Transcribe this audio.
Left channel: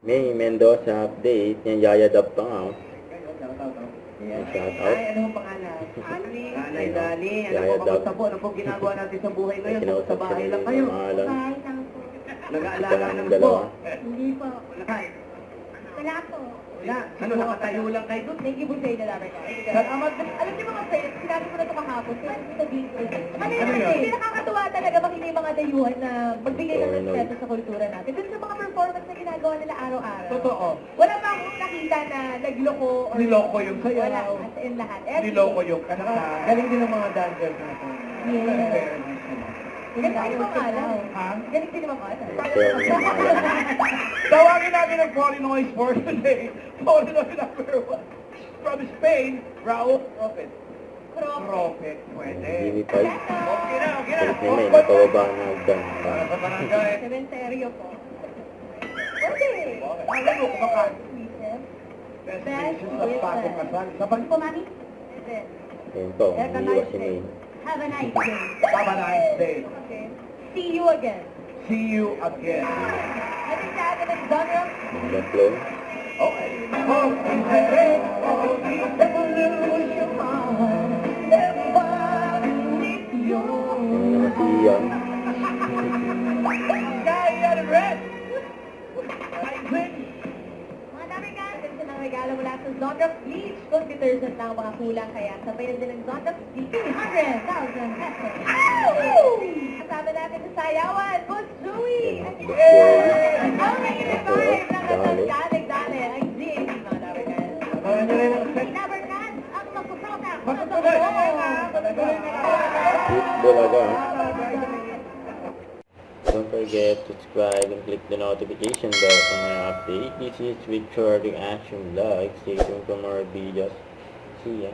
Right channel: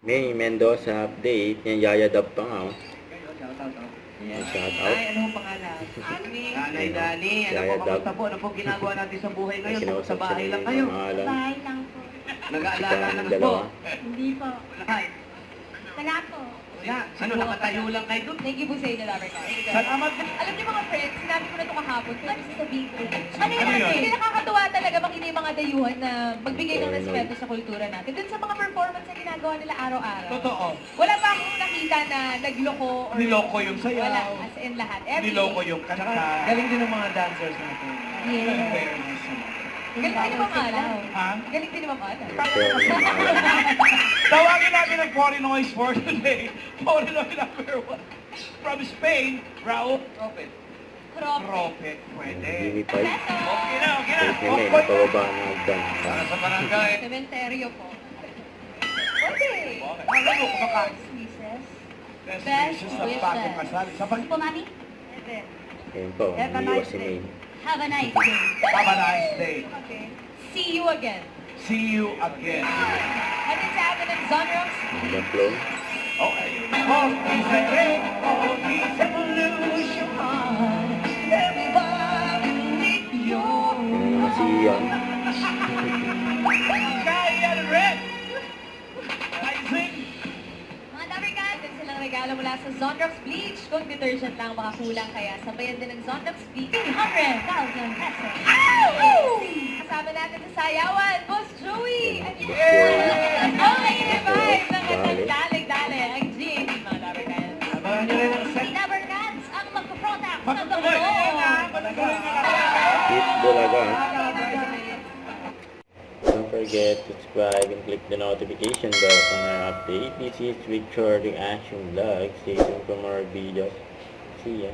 May Mendoza update. Yan, Yaya Dab pa nga. Yes. Shout out. Ay, ano ang pangalan? Nanay Ayun. Dani. Ano Yaya po, Dab. kamusta po? Ano po ginagawa natin sa buhay ngayon? Bukod sa Kinausap bahay siya lang ni kayo. pangalan. Bahay lang po. Nag-aalala Ika na ng po. dalawa. Hindi po. Lahat. Wala po. Wala. Sino nakatayo lang kayo doon? Thank you po sa inyo, Lover Guys. Salamat. Alam niyo mga friends, sinabi ko na ito kahapon, kaya gusto sabihin ko. Ano Ano yun? yun? Hindi nakakatuwa talaga makita yung mga dayuhan na magbigay ng Totoo yun. respeto sa kultura natin. Dun sa mga performance na ginagawa nila araw-araw. Totoo. Wala pa akong nakita na nagloko or... Niloko yung sayaw. Wala, as in lahat. Niloko yung kanta. Galing din ng mga dancers natin. Yes. Very nice naman. Galing din ni Ma'am Ala. Ha? Galing din ni Ma'am Ala. Pero yung pangalan. Tawagin natin ang Porinoy for today. Porinoy number 1. From Spain, Raul Tropet. Tropet, pwede. Unify. Okay na, okay na. Kulit ni May, napababa ng magdang. Para sa barangay. Cementerio po. Pwede. Alam mo, kumakain. Squeezes. Best Best wishes sa wishes. bagong kasal. Sabay Po, mami? Pwede. Ayun po, umiiwas si May. Have a nice day. Have a nice day. Okay. See you again. See you again. Hatid sa atin ng Zonrox. Magdang flow. Okay. All is a red, all is evolution. Everybody need you. Yung naman si Ian. Kaya red. Rising. Mga Tamerkan, din silang regalo mula sa Zonrox Bleach. Kung detergent lang ang mga kulang, kaya sabayan din ng Zonrox Bleach. 100,000 pesos. Kasama natin sa sayawan, Boss Joey. Ayun, Boss Joey. Ang invite mga Dali. nagdali-dali. Ang GAP, mga Tamerkan. Abangan nyo na yung Si Lover Cats ang magpuprota ng Magtutuloy. Bangko. Hit Bulaga. Don't forget to subscribe and click the notification bell for my update. This is Victor Reaction Vlog. Stay tuned for more videos. See ya.